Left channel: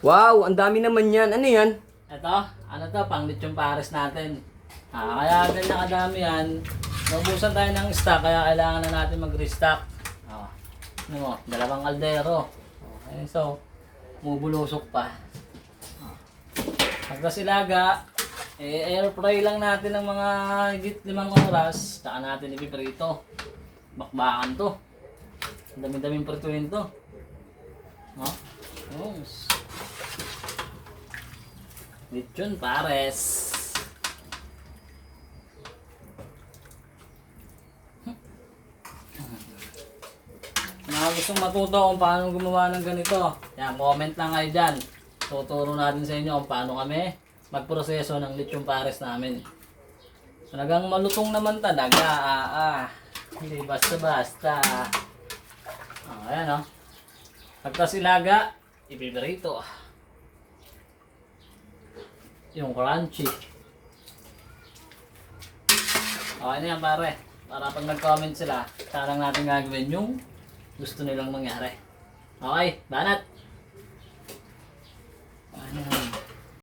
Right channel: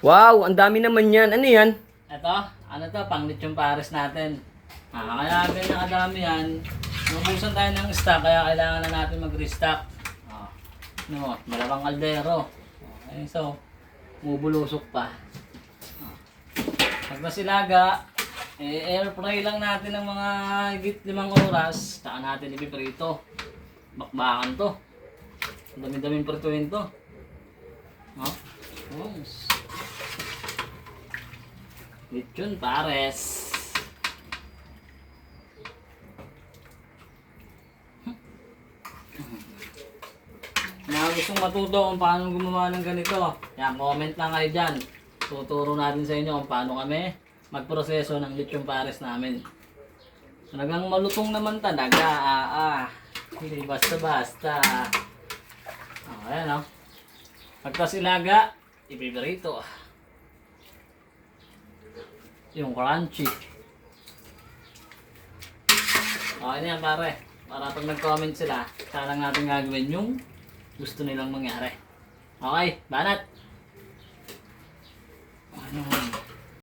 Wow, ang dami naman yan. Ano yan? Ito, ano to, pang lechon pares natin. Kaya ganyan kadami yan. Naubusan tayo ng stock, kaya kailangan na natin mag-restock. Ano mo, dalawang kaldero. Okay, so, bubulusok pa. Pagka silaga, air fry lang natin ng mga higit 5 oras. Saka natin ipiprito. Bakbakan to. Ang dami-daming prituin to. Yes. Lechon pares. Mga gustong matuto kung paano gumawa ng ganito, yan, comment lang kayo dyan. Tuturo natin sa inyo kung paano kami magproseso ng lechon pares namin. Talagang malutong naman talaga. Hindi basta-basta. Ayan o. Pagkasilaga, ipiprito. Yung crunchy. Okay na yan pare. Para pag nag-comment sila, saan lang natin gagawin yung gusto nilang mangyari. Okay, banat. Ano?